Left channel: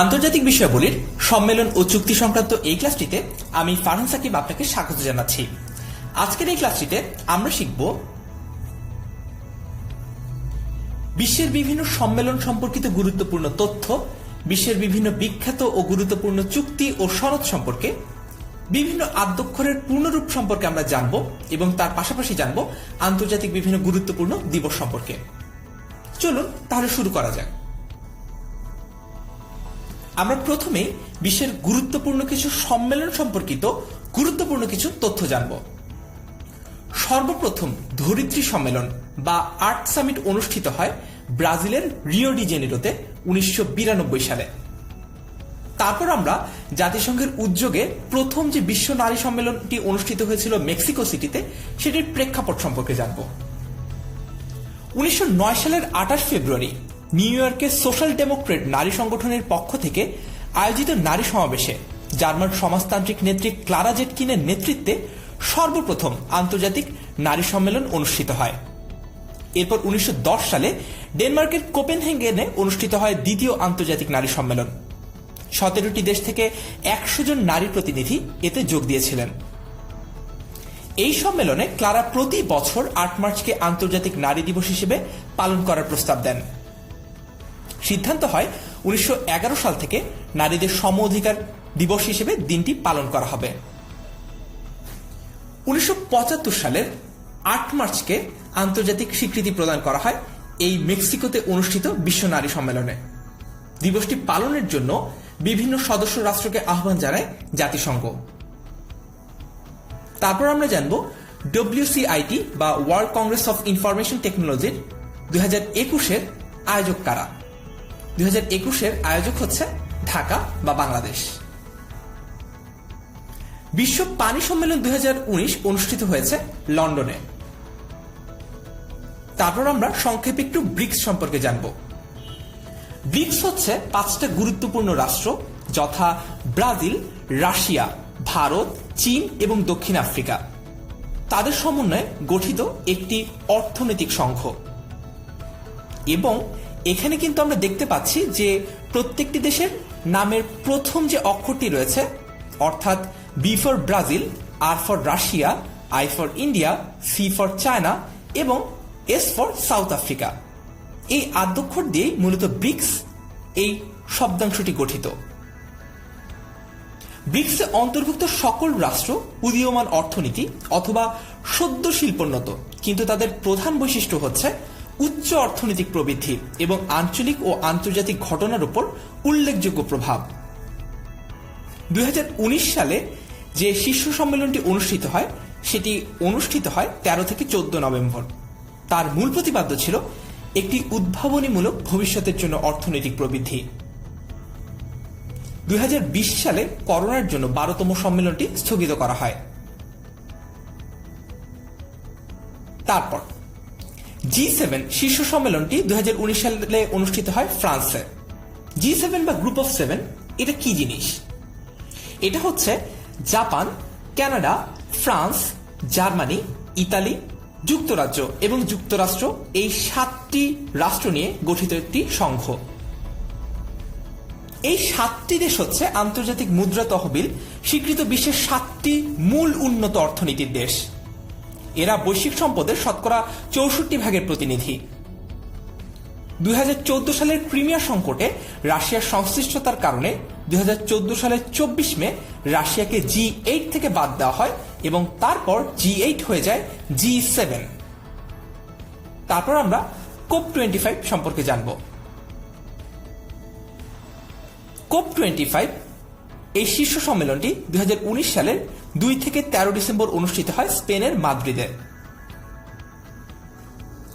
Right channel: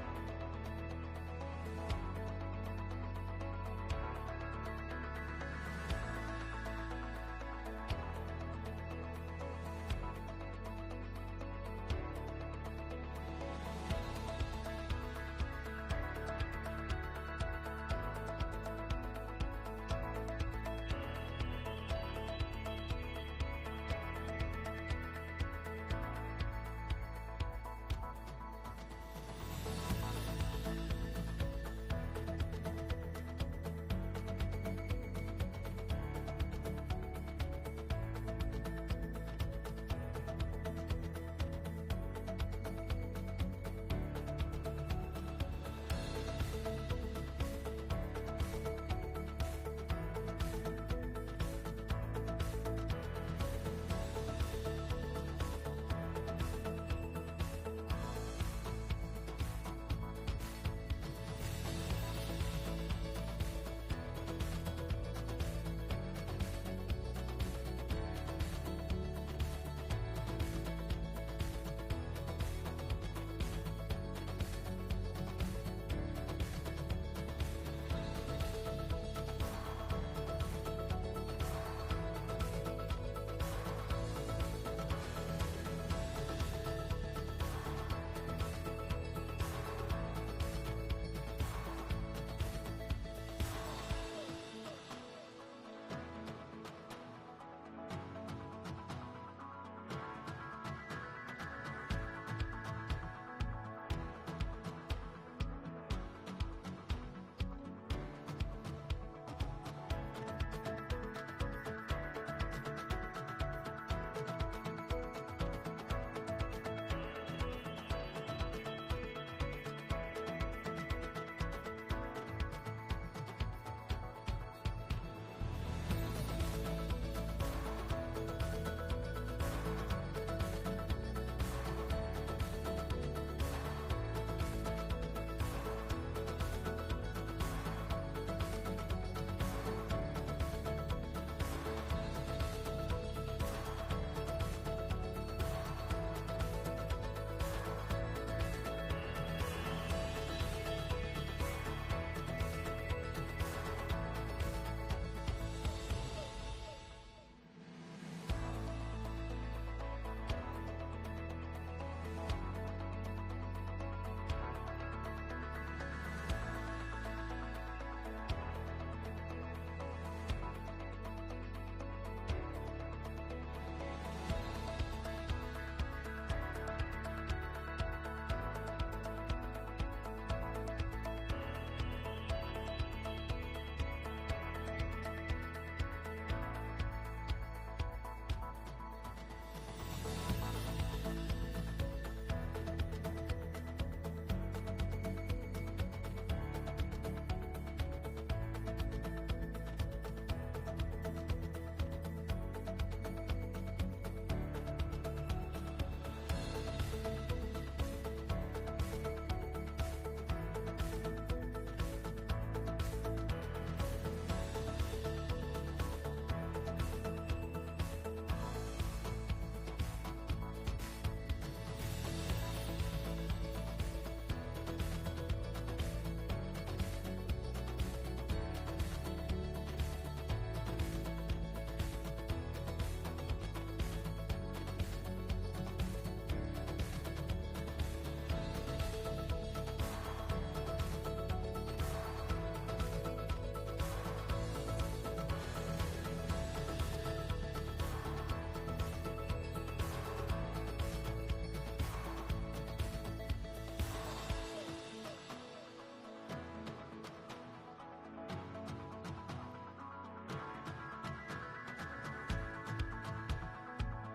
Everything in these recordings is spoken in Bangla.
আন্তর্জাতিক বিষয়াবলীর সম্মেলন ও চুক্তি সংক্রান্ত এই ক্লাসটিতে আমি ফারহান সাকিব আপনাকে স্বাগত জানাচ্ছি। আজকের এই ক্লাসটিতে আমরা শিখব বিশ্বের বিভিন্ন সম্মেলন সম্পর্কিত গুরুত্বপূর্ণ তথ্য, বিশ্বের বিভিন্ন বিখ্যাত ও গুরুত্বপূর্ণ চুক্তি ও সনদ সম্পর্কে, বিভিন্ন আদ্যক্ষরের পূর্ণরূপ সম্পর্কে আমরা জানব এবং তার পাশাপাশি জানব আন্তর্জাতিক বিভিন্ন গুরুত্বপূর্ণ দিবস সম্পর্কে। চলুন তাহলে শুরু করা যাক। আমরা প্রথমেই বিশ্বের গুরুত্বপূর্ণ কিছু সম্মেলন সম্পর্কিত গুরুত্বপূর্ণ কিছু তথ্য জানব। সর্বপ্রথম ধরিত্রী সম্মেলন বা আর্থ সামিট অনুষ্ঠিত হয় ব্রাজিলের রিও ডি জেনেরোতে 1992 সালে। তারপর আমরা জাতিসংঘের উদ্যোগে প্রথম যে বিশ্ব নারী সম্মেলনটি অনুষ্ঠিত হয়েছিল মেক্সিকো সিটিতে, সেটির প্রেক্ষাপট সম্পর্কে জানব। 1909 সালের 28 ফেব্রুয়ারি নিউ ইয়র্কের সোশ্যাল ডেমোক্রেট নারী সংগঠনের পক্ষ থেকে আয়োজিত নারী সমাবেশে জার্মান সমাজতান্ত্রিক নেত্রী ক্লারা জেটকিনের নেতৃত্বে সর্বপ্রথম আন্তর্জাতিক নারী সম্মেলন অনুষ্ঠিত হয়। এরপর 1910 সালে ডেনমার্কের কোপেনহেগেনে অনুষ্ঠিত হয় দ্বিতীয় আন্তর্জাতিক নারী সম্মেলন। 17টি দেশ থেকে 100 জন নারী প্রতিনিধি এতে যোগ দিয়েছিলেন। এই সম্মেলনে ক্লারা প্রতি বছর 8 মার্চকে আন্তর্জাতিক নারী দিবস হিসেবে পালন করার প্রস্তাব দেন। সিদ্ধান্ত হয় 1911 সাল থেকে নারীদের সম অধিকার দিবস হিসেবে দিনটি পালন করা হবে। 1975 সালের 8 মার্চকে আন্তর্জাতিক স্বীকৃতি প্রদান করা হয় এই মেক্সিকোতে অনুষ্ঠিত বিশ্ব নারী সম্মেলনে। দিবসটি পালনের জন্য বিভিন্ন সদস্য রাষ্ট্রকে আহ্বান জানায় জাতিসংঘ। তারপর আমরা জানব WCIT বা ওয়ার্ল্ড কংগ্রেস অফ ইনফরমেশন টেকনোলজির 2021-এর আয়োজক কারা। 2021-এর আয়োজক হচ্ছে ঢাকা বা বাংলাদেশ। বিশ্ব পানি সম্মেলন 2019 অনুষ্ঠিত হয়েছে লন্ডনে। তারপর আমরা সংক্ষেপে একটু ব্রিক্স সম্পর্কে জানব। ব্রিক্স হচ্ছে 5টা গুরুত্বপূর্ণ রাষ্ট্র, যথা ব্রাজিল, রাশিয়া, ভারত, চীন এবং দক্ষিণ আফ্রিকা। তাদের সমন্বয়ে গঠিত একটি অর্থনৈতিক সংঘ। এবং এখানে কিন্তু আমরা দেখতে পাচ্ছি যে প্রত্যেকটি দেশের নামের প্রথম যে অক্ষরটি রয়েছে, অর্থাৎ B for Brazil, R for Russia, I for India, C for China এবং এস ফর সাউথ আফ্রিকা, এই আদ্যক্ষর দিয়েই মূলত ব্রিক্স এই শব্দাংশটি গঠিত। ব্রিক্সে অন্তর্ভুক্ত সকল রাষ্ট্র উদীয়মান অর্থনীতি অথবা সদ্য শিল্পোন্নত, কিন্তু তাদের প্রধান বৈশিষ্ট্য হচ্ছে উচ্চ অর্থনৈতিক প্রবৃদ্ধি এবং আঞ্চলিক ও আন্তর্জাতিক ঘটনার উপর উল্লেখযোগ্য প্রভাব। 2019 সালে যে শীর্ষ সম্মেলনটি অনুষ্ঠিত হয়, সেটি অনুষ্ঠিত হয় 13 থেকে 14 নভেম্বর। তার মূল প্রতিপাদ্য ছিল একটি উদ্ভাবনীমূলক ভবিষ্যতের জন্য অর্থনৈতিক প্রবৃদ্ধি। 2020 সালে করোনার জন্য 12তম সম্মেলনটি স্থগিত করা হয়। তারপর G7 শীর্ষ সম্মেলনটি 2019 সালে অনুষ্ঠিত হয় ফ্রান্সে। G7 বা গ্রুপ অফ 7 এটা কি জিনিস? এটা হচ্ছে Japan, Canada, France, Germany, Italy, যুক্তরাজ্য এবং যুক্তরাষ্ট্র, এই 7টি রাষ্ট্র নিয়ে গঠিত একটি সংঘ। এই 7টি দেশ হচ্ছে আন্তর্জাতিক মুদ্রা তহবিল স্বীকৃত বিশ্বের 7টি মূল উন্নত অর্থনীতির দেশ। এরা বৈশ্বিক সম্পদের শতকরা 64% প্রতিনিধি। 2014 সালের ক্রিমিয়া সংকটে রাশিয়ার সংশ্লিষ্টতার কারণে 2014 সালের 24 মে রাশিয়াকে G8 থেকে বাদ দেওয়া হয় এবং তারপর G8 হয়ে যায় G7। তারপর আমরা COP25 সম্পর্কে জানব। COP25 এই শীর্ষ সম্মেলনটি 2019 সালের 2 থেকে 13 ডিসেম্বর অনুষ্ঠিত হয় স্পেনের মাদ্রিদে।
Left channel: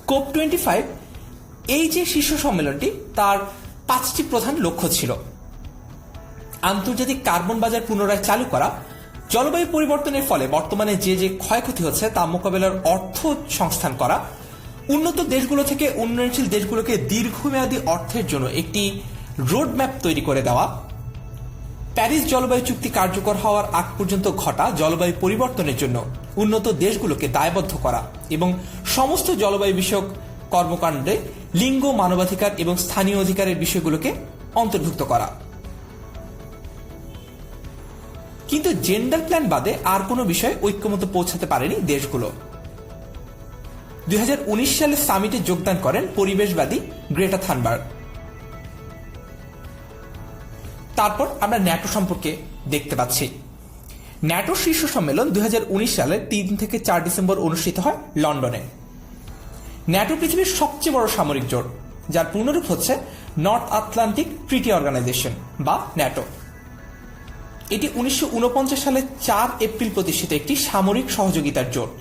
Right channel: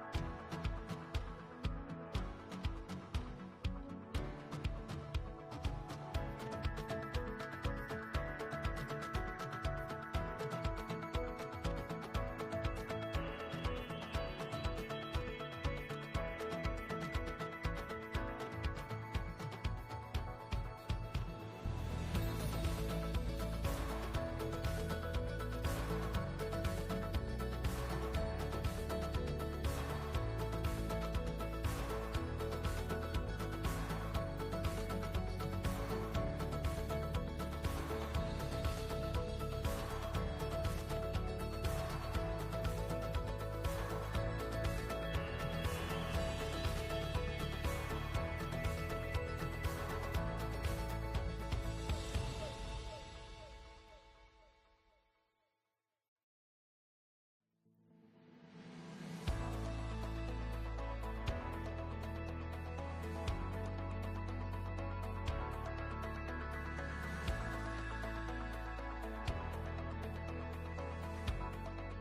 COP25 এই যে শীর্ষ সম্মেলনটি, তার 5টি প্রধান লক্ষ্য ছিল: আন্তর্জাতিক কার্বন বাজার পুনরায় চালু করা, জলবায়ু পরিবর্তনের ফলে বর্তমানে যে যে ক্ষয়ক্ষতি হচ্ছে তা মোকাবেলার অর্থ সংস্থান করা, উন্নত দেশগুলো থেকে উন্নয়নশীল দেশগুলোকে দীর্ঘমেয়াদী অর্থের জন্য একটি রোডম্যাপ তৈরি করে দেওয়া, প্যারিস জলবায়ু চুক্তি কার্যকর হওয়ার আগ পর্যন্ত ঘটা জলবায়ু পরিবর্তনের জন্য উন্নত দেশগুলোকে দায়বদ্ধ করা এবং সমস্ত জলবায়ু বিষয়ক কর্মকাণ্ডে লিঙ্গ, মানবাধিকার এবং স্থানীয় অধিকারের বিষয়গুলোকে অন্তর্ভুক্ত করা। কিন্তু জেন্ডার প্ল্যান বাদে আর কোনো বিষয়ে ঐক্যমত পৌঁছাতে পারেনি দেশগুলো। 2019 সালে সামিটে যোগদান করেন পরিবেশবাদী গ্রেটা থানবার্গ। তারপর আমরা ন্যাটো সম্পর্কে দেখতে পাচ্ছি। ন্যাটো শীর্ষ সম্মেলন 2019 সালের 3 থেকে 4 ডিসেম্বর অনুষ্ঠিত হয় লন্ডনে। ন্যাটো পৃথিবীর সবচেয়ে বড় সামরিক জোট, যার পূর্ণরূপ হচ্ছে নর্থ আটলান্টিক ট্রিটি অর্গানাইজেশন বা ন্যাটো। এটি 1949 সালে 4 এপ্রিল প্রতিষ্ঠিত একটি সামরিক সহযোগিতার জোট।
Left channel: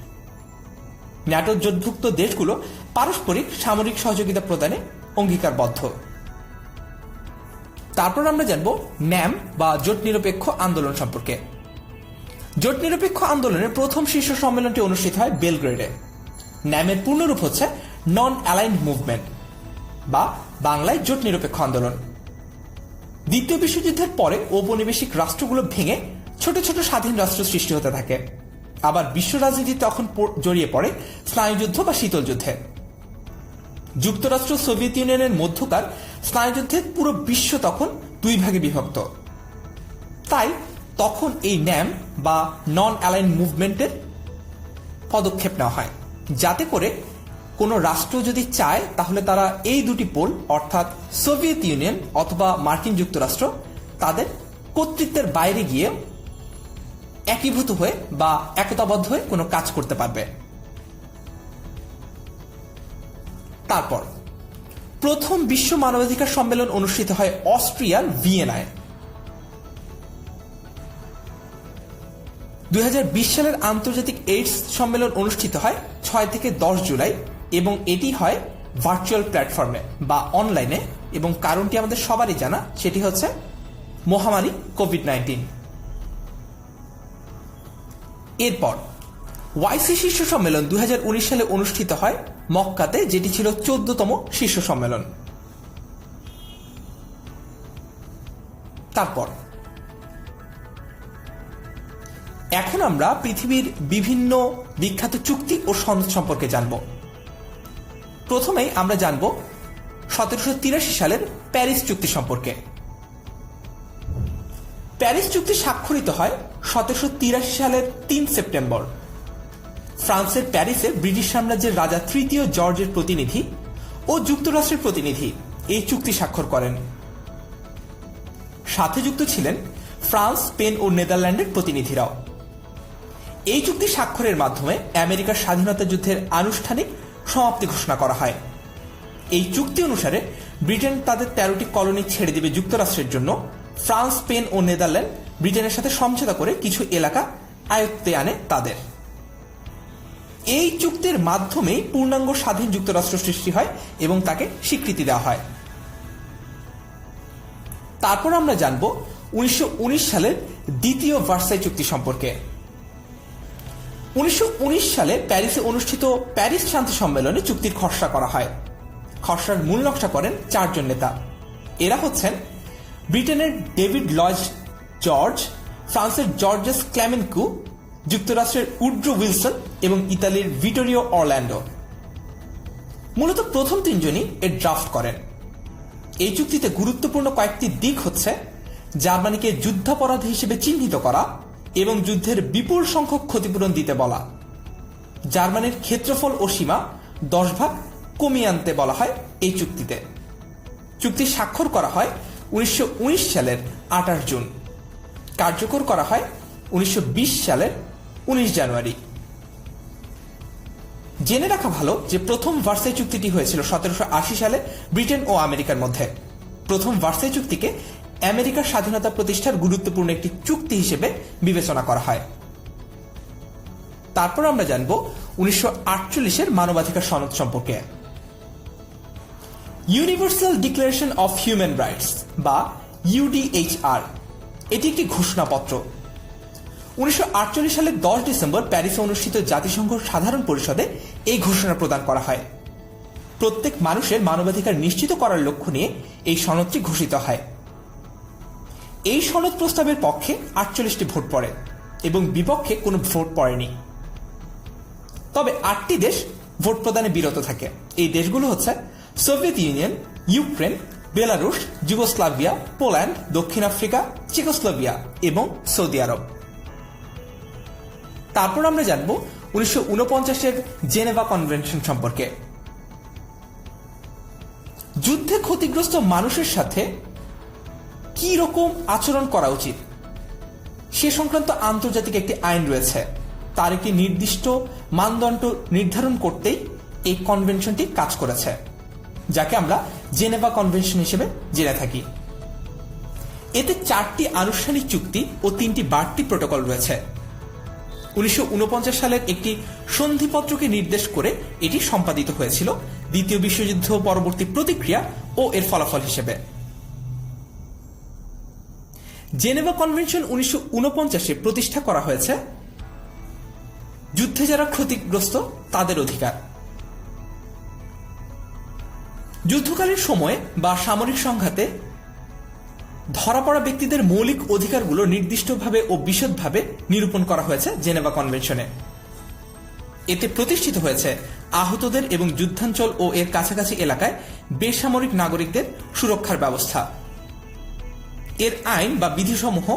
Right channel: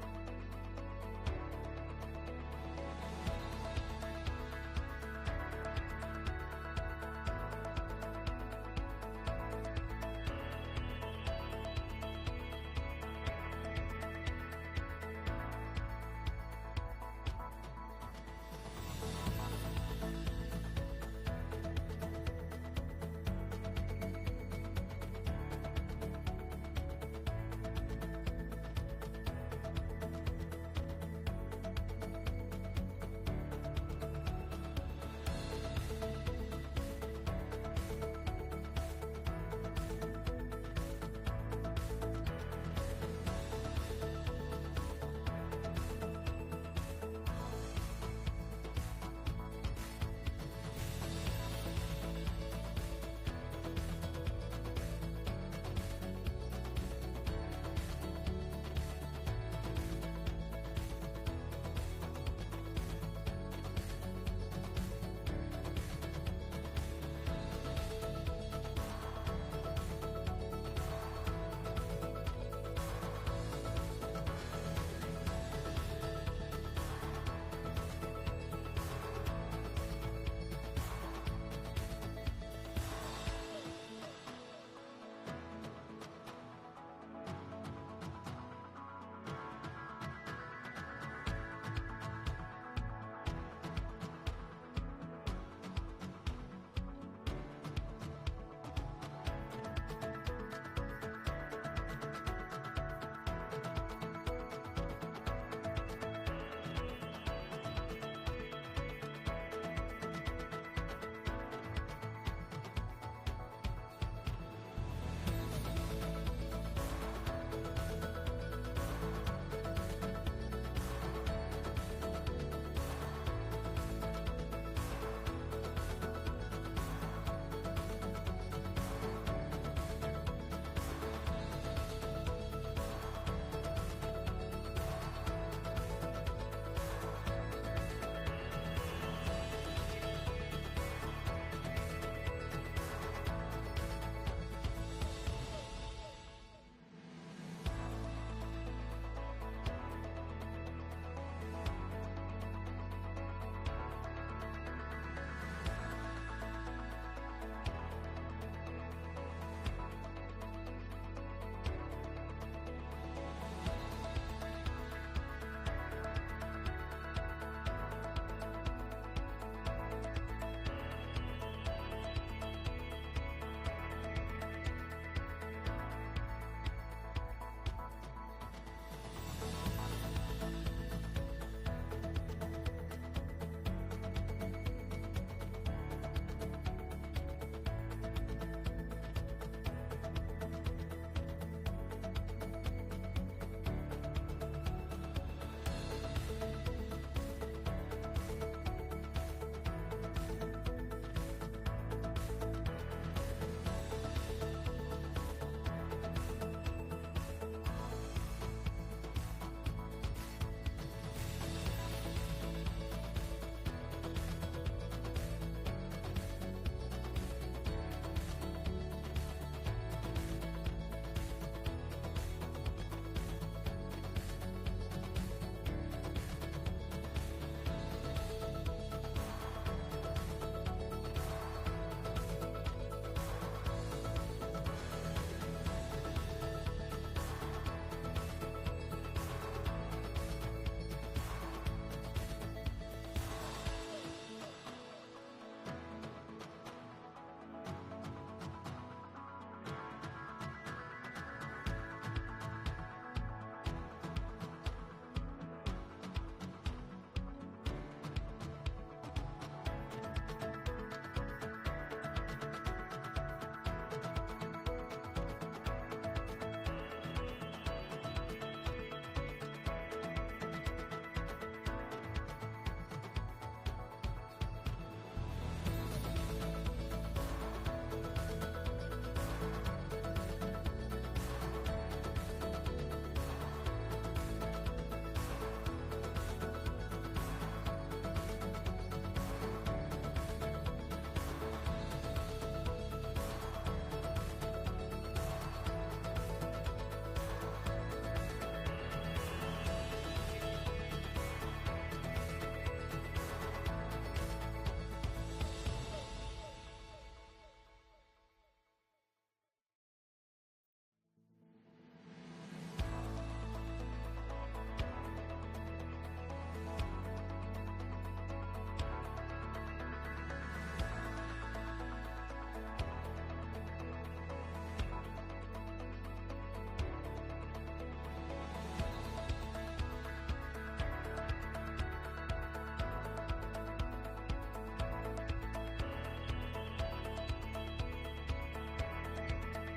ন্যাটো জোটভুক্ত দেশগুলো পারস্পরিক সামরিক সহযোগিতা প্রদানে অঙ্গীকারবদ্ধ। তারপর আমরা জানব ন্যাম বা জোট নিরপেক্ষ আন্দোলন সম্পর্কে। জোট নিরপেক্ষ আন্দোলনের প্রথম শীর্ষ সম্মেলনটি অনুষ্ঠিত হয় বেলগ্রেডে। ন্যামের পূর্ণরূপ হচ্ছে নন অ্যালাইন্ড মুভমেন্ট বা বাংলায় জোট নিরপেক্ষ আন্দোলন। দ্বিতীয় বিশ্বযুদ্ধের পরে ঔপনিবেশিক রাষ্ট্রগুলো ভেঙে ছোট ছোট স্বাধীন রাষ্ট্র সৃষ্টি হতে থাকে। আবার বিশ্ব রাজনীতি তখন জড়িয়ে পড়ে স্নায়ুযুদ্ধ বা শীতল যুদ্ধে। যুক্তরাষ্ট্র সোভিয়েত ইউনিয়নের মধ্যকার স্নায়ুযুদ্ধে পুরো বিশ্ব তখন 2 ভাগে বিভক্ত। তাই তখন এই ন্যাম বা নন অ্যালাইন্ড মুভমেন্টের পদক্ষেপ নেওয়া হয়, যাতে করে কোনো রাষ্ট্র যদি চায় তাহলে তারা এই দুটি পোল অর্থাৎ সোভিয়েত ইউনিয়ন অথবা মার্কিন যুক্তরাষ্ট্র তাদের কর্তৃত্বের বাইরে গিয়ে একীভূত হয়ে বা একতাবদ্ধ হয়ে কোনো কাজ করতে পারবে। তারপর প্রথম বিশ্ব মানবাধিকার সম্মেলন অনুষ্ঠিত হয় অস্ট্রিয়ার ভিয়েনায়। 2020 সালের আন্তর্জাতিক এইডস সম্মেলন অনুষ্ঠিত হয় 6 থেকে 10 জুলাই এবং এটি হয় ভার্চুয়াল প্ল্যাটফর্মে বা অনলাইনে, এবং কারণটি আমাদের সবারই জানা, সেটি হচ্ছে মহামারী কোভিড-19। এরপর ওয়াইসি শীর্ষ সম্মেলন 2019 সালে অনুষ্ঠিত হয় মক্কাতে, যেটি ছিল 14তম শীর্ষ সম্মেলন। তারপর এখন আমরা পৃথিবীর বিভিন্ন বিখ্যাত চুক্তি ও সনদ সম্পর্কে জানব। প্রথমেই আমরা জানব 1783 সালের প্যারিস চুক্তি সম্পর্কে। প্যারিস চুক্তি স্বাক্ষরিত হয় 1783 সালের 3 সেপ্টেম্বর। ফ্রান্সের প্যারিসে ব্রিটিশ সাম্রাজ্যের রাজা 3য় জর্জের প্রতিনিধি ও যুক্তরাষ্ট্রের প্রতিনিধি এই চুক্তি স্বাক্ষর করেন। সাথে যুক্ত ছিলেন ফ্রান্স, স্পেন ও নেদারল্যান্ডের প্রতিনিধিরাও। এই চুক্তি স্বাক্ষরের মাধ্যমে আমেরিকার স্বাধীনতা যুদ্ধের আনুষ্ঠানিক সমাপ্তি ঘোষণা করা হয়। এই চুক্তি অনুসারে ব্রিটেন তাদের 13টি কলোনি ছেড়ে দেবে যুক্তরাষ্ট্রের জন্য। ফ্রান্স, স্পেন ও নেদারল্যান্ড ব্রিটেনের সাথে সমঝোতা করে কিছু এলাকা আয়ত্তে আনে তাদের। এই চুক্তির মাধ্যমেই পূর্ণাঙ্গ স্বাধীন যুক্তরাষ্ট্র সৃষ্টি হয় এবং তাকে স্বীকৃতি দেওয়া হয়। তারপর আমরা জানব 1919 সালের দ্বিতীয় ভার্সাই চুক্তি সম্পর্কে। 1919 সালে প্যারিসে অনুষ্ঠিত প্যারিস শান্তি সম্মেলনে চুক্তির খসড়া করা হয়। খসড়ার মূল নকশা করেন 4 জন নেতা। এরা হচ্ছেন ব্রিটেনের ডেভিড লয়েড জর্জ, ফ্রান্সের জর্জেস ক্লেমেন্কু, যুক্তরাষ্ট্রের উড্রো উইলসন এবং ইতালির ভিটোরিও অরল্যান্ডো। মূলত প্রথম 3 জনই এর ড্রাফট করেন। এই চুক্তিতে গুরুত্বপূর্ণ কয়েকটি দিক হচ্ছে জার্মানিকে যুদ্ধাপরাধী হিসেবে চিহ্নিত করা এবং যুদ্ধের বিপুল সংখ্যক ক্ষতিপূরণ দিতে বলা। জার্মানির ক্ষেত্রফল ও সীমা 10 ভাগ কমিয়ে আনতে বলা হয় এই চুক্তিতে। চুক্তি স্বাক্ষর করা হয় 1919 সালের 28 জুন, কার্যকর করা হয় 1920 সালের 19 জানুয়ারি। জেনে রাখা ভালো যে প্রথম ভার্সাই চুক্তিটি হয়েছিল 1780 সালে ব্রিটেন ও আমেরিকার মধ্যে। প্রথম ভার্সাই চুক্তিকে আমেরিকার স্বাধীনতা প্রতিষ্ঠার গুরুত্বপূর্ণ একটি চুক্তি হিসেবে বিবেচনা করা হয়। তারপর আমরা জানব 1948 মানবাধিকার সনদ সম্পর্কে। Universal declaration of human rights বা ইউডিএইচআর, এটি একটি ঘোষণাপত্র। 1948 সালের 10 ডিসেম্বর প্যারিসে অনুষ্ঠিত জাতিসংঘ সাধারণ পরিষদে এই ঘোষণা প্রদান করা হয়। প্রত্যেক মানুষের মানবাধিকার নিশ্চিত করার লক্ষ্য নিয়ে এই সনদটি ঘোষিত হয়। এই সনদ প্রস্তাবের পক্ষে 48টি ভোট পড়ে এবং বিপক্ষে কোনো ভোট পড়েনি। তবে 8টি দেশ ভোট প্রদানে বিরত থাকে। এই দেশগুলো হচ্ছে Soviet union, Ukraine, Belarus, Yugoslavia, Poland, দক্ষিণ আফ্রিকা, চেকোস্লোভিয়া এবং সৌদি আরব। তারপর আমরা জানব 1949-এর জেনেভা কনভেনশন সম্পর্কে। যুদ্ধে ক্ষতিগ্রস্ত মানুষের সাথে কি রকম আচরণ করা উচিত সে সংক্রান্ত আন্তর্জাতিক একটি আইন রয়েছে। তার একটি নির্দিষ্ট মানদণ্ড নির্ধারণ করতেই এই কনভেনশনটি কাজ করেছে, যাকে আমরা জেনেভা কনভেনশন হিসেবে জেনে থাকি। এতে 4টি আনুষ্ঠানিক চুক্তি ও 3টি বাড়তি প্রটোকল রয়েছে। 1949 সালের একটি সন্ধিপত্রকে নির্দেশ করে এটি সম্পাদিত হয়েছিল দ্বিতীয় বিশ্বযুদ্ধ পরবর্তী প্রতিক্রিয়া ও এর ফলাফল হিসেবে। জেনেভা কনভেনশন 1949-এ প্রতিষ্ঠা করা হয়েছে যুদ্ধে যারা ক্ষতিগ্রস্ত তাদের অধিকার। যুদ্ধকালীন সময়ে বা সামরিক সংঘাতে ধরা পড়া ব্যক্তিদের মৌলিক অধিকারগুলো নির্দিষ্টভাবে ও বিশদভাবে নিরূপণ করা হয়েছে জেনেভা কনভেনশনে। এতে প্রতিষ্ঠিত হয়েছে আহতদের এবং যুদ্ধাঞ্চল ও এর কাছাকাছি এলাকায় বেসামরিক নাগরিকদের সুরক্ষার ব্যবস্থা। এর আইন বা বিধিসমূহ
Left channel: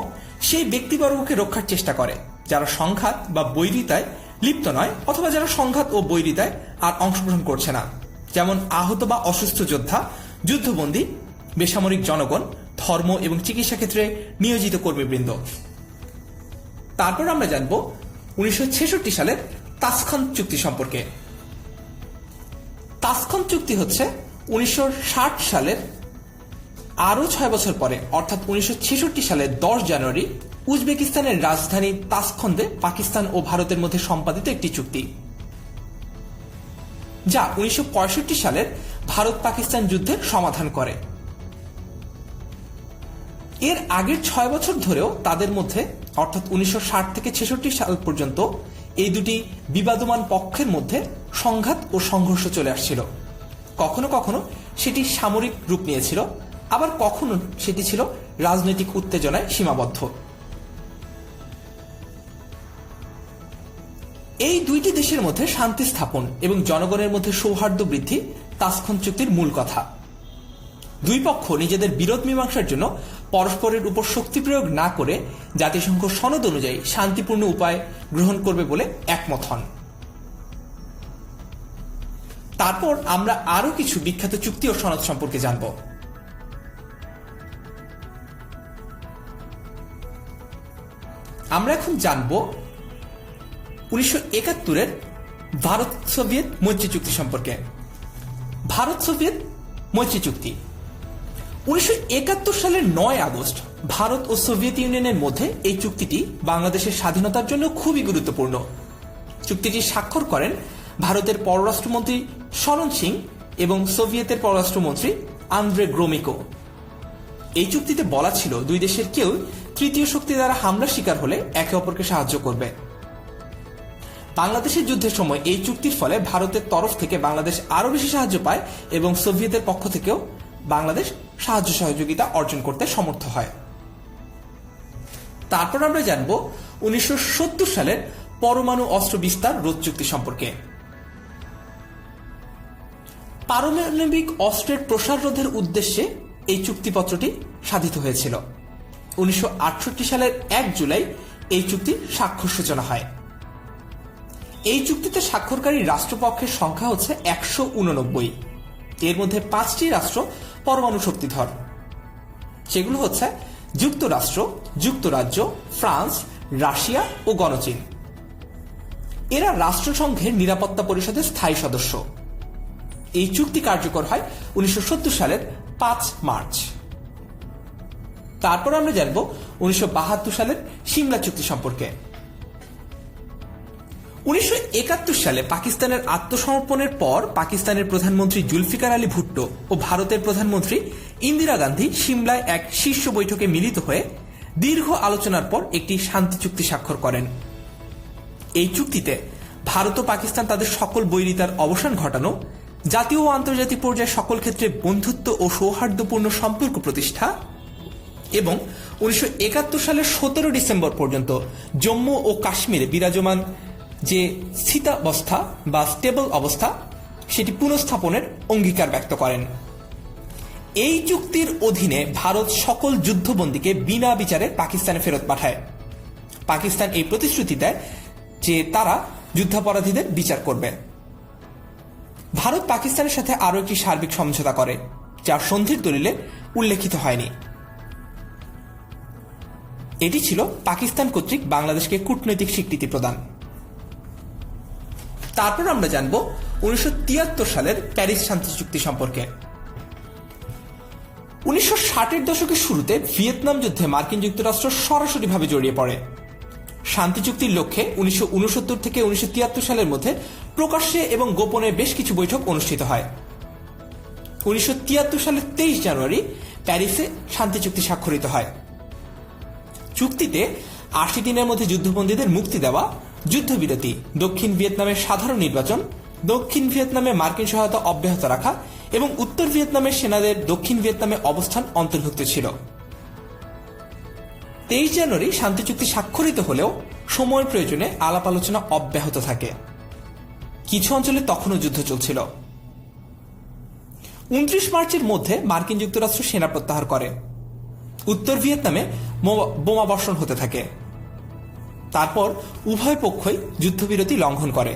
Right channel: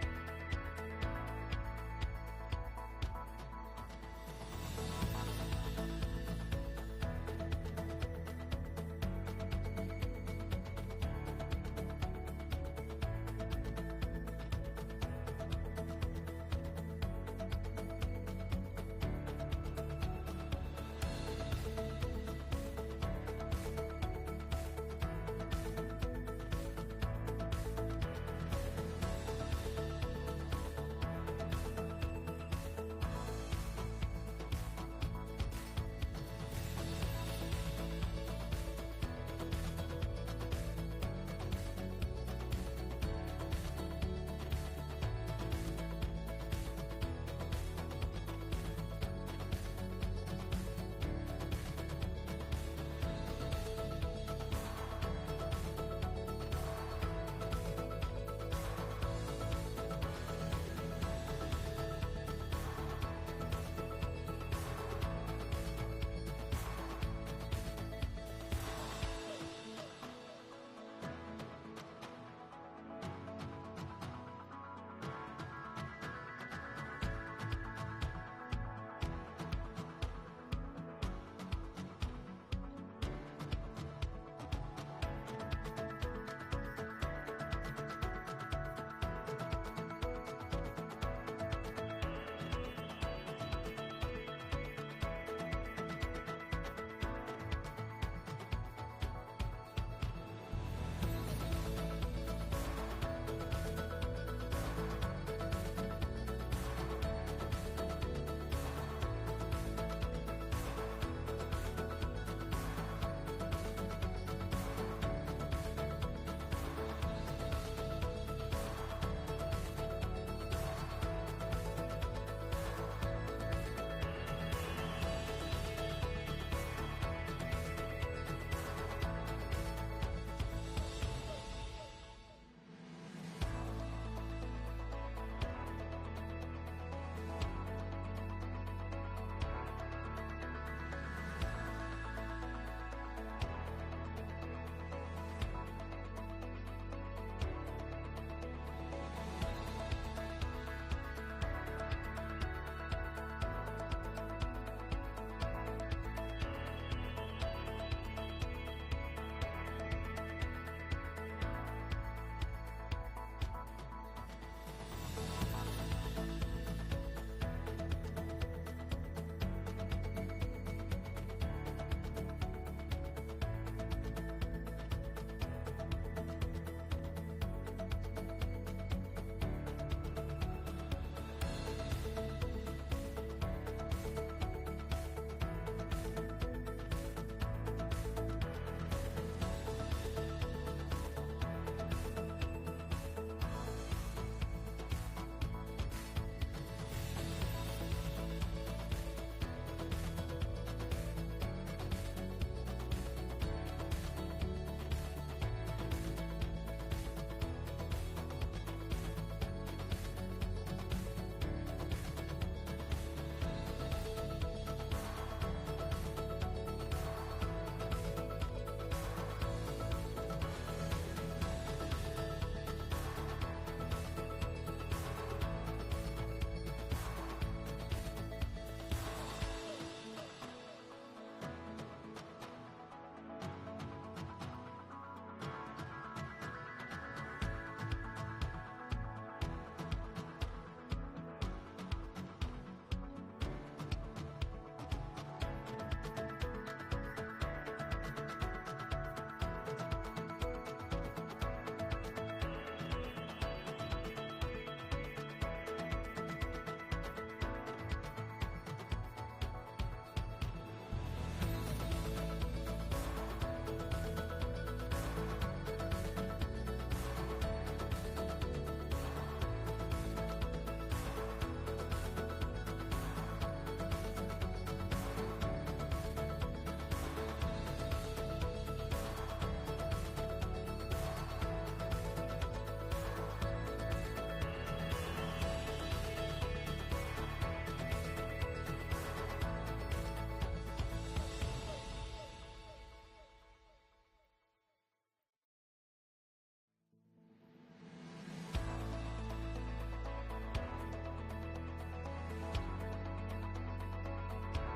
সেই ব্যক্তিবর্গকে রক্ষার চেষ্টা করে যারা সংঘাত বা বৈরিতায় লিপ্ত নয় অথবা যারা সংঘাত ও বৈরিতায় আর অংশগ্রহণ করছে না, যেমন আহত বা অসুস্থ যোদ্ধা, যুদ্ধবন্দী, বেসামরিক জনগণ, ধর্ম এবং চিকিৎসা ক্ষেত্রে নিয়োজিত কর্মীবৃন্দ। তারপর আমরা জানব 1966 সালের তাসখান্ত চুক্তি সম্পর্কে। তাসখান্ত চুক্তি হচ্ছে 1960 সালের আরও 6 বছর পরে অর্থাৎ 1966 সালের 10 জানুয়ারি উজবেকিস্তানের রাজধানী তাসখন্দে পাকিস্তান ও ভারতের মধ্যে সম্পাদিত একটি চুক্তি, যা 1965 সালের ভারত পাকিস্তান যুদ্ধের সমাধান করে। এর আগের 6 বছর ধরেও তাদের মধ্যে অর্থাৎ 1960 থেকে 66 সাল পর্যন্ত এই দুটি বিবাদমান পক্ষের মধ্যে সংঘাত ও সংঘর্ষ চলে আসছিল। কখনো কখনো সেটি সামরিক রূপ নিয়েছিল, আবার কখনো সেটি ছিল রাজনৈতিক উত্তেজনায় সীমাবদ্ধ। এই দুইটি দেশের মধ্যে শান্তি স্থাপন এবং জনগণের মধ্যে সৌহার্দ্য বৃদ্ধি তাসখান্ত চুক্তির মূল কথা। দুই পক্ষ নিজেদের বিরোধ মীমাংসার জন্য পরস্পরের উপর শক্তি প্রয়োগ না করে জাতিসংঘ সনদ অনুযায়ী শান্তিপূর্ণ উপায় গ্রহণ করবে বলে একমত হন। তারপর আমরা আরো কিছু বিখ্যাত চুক্তি ও সনদ সম্পর্কে জানব। আমরা এখন জানব 1971-এর ভারত সোভিয়েত মৈত্রী চুক্তি সম্পর্কে। ভারত সোভিয়েত মৈত্রী চুক্তি 1971 সালের 9 আগস্ট ভারত ও সোভিয়েত ইউনিয়নের মধ্যে এই চুক্তিটি বাংলাদেশের স্বাধীনতার জন্য খুবই গুরুত্বপূর্ণ। চুক্তিটি স্বাক্ষর করেন ভারতের পররাষ্ট্রমন্ত্রী শরণ সিং এবং সোভিয়েতের পররাষ্ট্রমন্ত্রী আন্দ্রে গ্রোমিকো। এই চুক্তিতে বলা ছিল দুই দেশের কেউ তৃতীয় শক্তি দ্বারা হামলার শিকার হলে একে অপরকে সাহায্য করবে। বাংলাদেশের যুদ্ধের সময় এই চুক্তির ফলে ভারতের তরফ থেকে বাংলাদেশ আরো বেশি সাহায্য পায় এবং সোভিয়েতের পক্ষ থেকেও বাংলাদেশ সাহায্য সহযোগিতা অর্জন করতে সমর্থ হয়। তারপর আমরা জানব 1970 সালের পরমাণু অস্ত্র বিস্তার রোধ চুক্তি সম্পর্কে। পারমাণবিক অস্ত্রের প্রসার রোধের উদ্দেশ্যে এই চুক্তিপত্রটি সাধিত হয়েছিল। 1968 সালের 1 জুলাই এই চুক্তি স্বাক্ষর সূচনা হয়। এই চুক্তিতে স্বাক্ষরকারী রাষ্ট্রপক্ষের সংখ্যা হচ্ছে 189। এর মধ্যে 5টি রাষ্ট্র পরমাণু শক্তিধর, সেগুলো হচ্ছে যুক্তরাষ্ট্র, যুক্তরাজ্য, ফ্রান্স, রাশিয়া ও গণচীন। এরা রাষ্ট্রসংঘের নিরাপত্তা পরিষদের স্থায়ী সদস্য। এই চুক্তি কার্যকর হয় 1970 সালের 5 মার্চ। তারপর আমরা জানব 1972 সালের সিমলা চুক্তি সম্পর্কে। 1971 সালে পাকিস্তানের আত্মসমর্পণের পর পাকিস্তানের প্রধানমন্ত্রী জুলফিকার আলী ভুট্টো ও ভারতের প্রধানমন্ত্রী ইন্দিরা গান্ধী সিমলায় এক শীর্ষ বৈঠকে মিলিত হয়ে দীর্ঘ আলোচনার পর একটি শান্তি চুক্তি স্বাক্ষর করেন। এই চুক্তিতে ভারত ও পাকিস্তান তাদের সকল বৈরিতার অবসান ঘটানো, জাতীয় ও আন্তর্জাতিক পর্যায়ে সকল ক্ষেত্রে বন্ধুত্ব ও সৌহার্দ্যপূর্ণ সম্পর্ক প্রতিষ্ঠা এবং 1971 সালের 17 ডিসেম্বর পর্যন্ত জম্মু ও কাশ্মীরে বিরাজমান যে স্থিতাবস্থা বা স্টেবল অবস্থা সেটি পুনঃস্থাপনের অঙ্গীকার ব্যক্ত করেন। এই চুক্তির অধীনে ভারত সকল যুদ্ধবন্দীকে বিনা বিচারে পাকিস্তানে ফেরত পাঠায়। পাকিস্তান এই প্রতিশ্রুতি দেয় যে তারা যুদ্ধাপরাধীদের বিচার করবে। ভারত পাকিস্তানের সাথে আরও একটি সার্বিক সমঝোতা করে, যার সন্ধির দলিলে উল্লেখিত হয়নি। এটি ছিল পাকিস্তান কর্তৃক বাংলাদেশকে কূটনৈতিক স্বীকৃতি প্রদান। তারপর আমরা জানব 1973 সালের প্যারিস শান্তি চুক্তি সম্পর্কে। 1960-এর দশকের শুরুতে ভিয়েতনাম যুদ্ধে মার্কিন যুক্তরাষ্ট্র সরাসরিভাবে জড়িয়ে পড়ে। শান্তি চুক্তির লক্ষ্যে 1969 থেকে 1973 সালের মধ্যে প্রকাশ্যে এবং গোপনে বেশ কিছু বৈঠক অনুষ্ঠিত হয়। 1973 সালের 23 জানুয়ারি প্যারিসে শান্তি চুক্তি স্বাক্ষরিত হয়। চুক্তিতে 80 দিনের মধ্যে যুদ্ধবন্দীদের মুক্তি দেওয়া, যুদ্ধবিরতি, দক্ষিণ ভিয়েতনামের সাধারণ নির্বাচন, দক্ষিণ ভিয়েতনামে মার্কিন সহায়তা অব্যাহত রাখা এবং উত্তর ভিয়েতনামের সেনাদের দক্ষিণ ভিয়েতনামে অবস্থান অন্তর্ভুক্ত ছিল। 23 জানুয়ারি শান্তি চুক্তি স্বাক্ষরিত হলেও সময়ের প্রয়োজনে আলাপ আলোচনা অব্যাহত থাকে। কিছু অঞ্চলে তখনও যুদ্ধ চলছিল। 29 মার্চের মধ্যে মার্কিন যুক্তরাষ্ট্র সেনা প্রত্যাহার করে। উত্তর ভিয়েতনামে বোমাবর্ষণ হতে থাকে। তারপর উভয় পক্ষই যুদ্ধবিরতি লঙ্ঘন করে।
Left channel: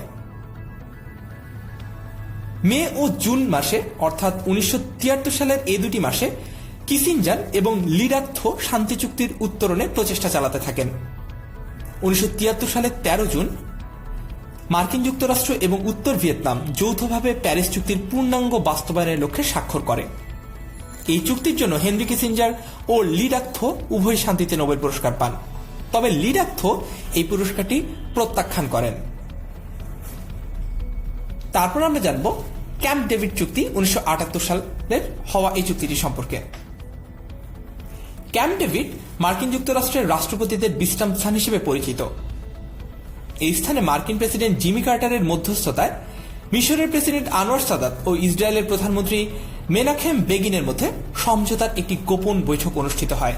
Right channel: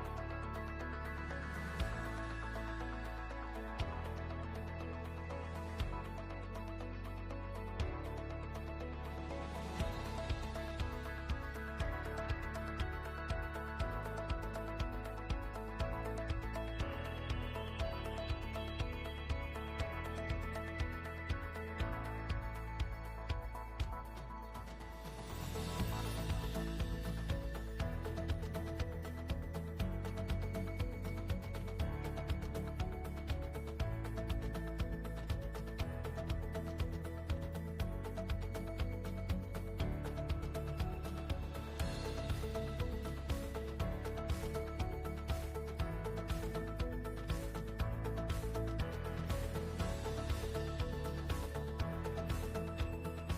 মে ও জুন মাসে অর্থাৎ 1973 সালের এই দুটি মাসে কিসিঞ্জার এবং লি ডাক থো শান্তি চুক্তির উত্তরণে প্রচেষ্টা চালাতে থাকেন। 1973 সালের 13 জুন মার্কিন যুক্তরাষ্ট্র এবং উত্তর ভিয়েতনাম যৌথভাবে প্যারিস চুক্তির পূর্ণাঙ্গ বাস্তবায়নের লক্ষ্যে স্বাক্ষর করে। এই চুক্তির জন্য হেনরি কিসিঞ্জার ও লি ডাক থো উভয় শান্তিতে নোবেল পুরস্কার পান, তবে লি ডাক থো এই পুরস্কারটি প্রত্যাখ্যান করেন। তারপর আমরা জানব ক্যাম্প ডেভিড চুক্তি 1978 সালের হওয়া এই চুক্তিটি সম্পর্কে। ক্যাম্প ডেভিড মার্কিন যুক্তরাষ্ট্রের রাষ্ট্রপতিদের বিশ্রাম স্থান হিসেবে পরিচিত। এই স্থানে মার্কিন প্রেসিডেন্ট জিমি কার্টারের মধ্যস্থতায় মিশরের প্রেসিডেন্ট আনোয়ার সাদাত ও ইসরায়েলের প্রধানমন্ত্রী মেনাহেম বেগিনের মধ্যে সমঝোতার একটি গোপন বৈঠক অনুষ্ঠিত হয়।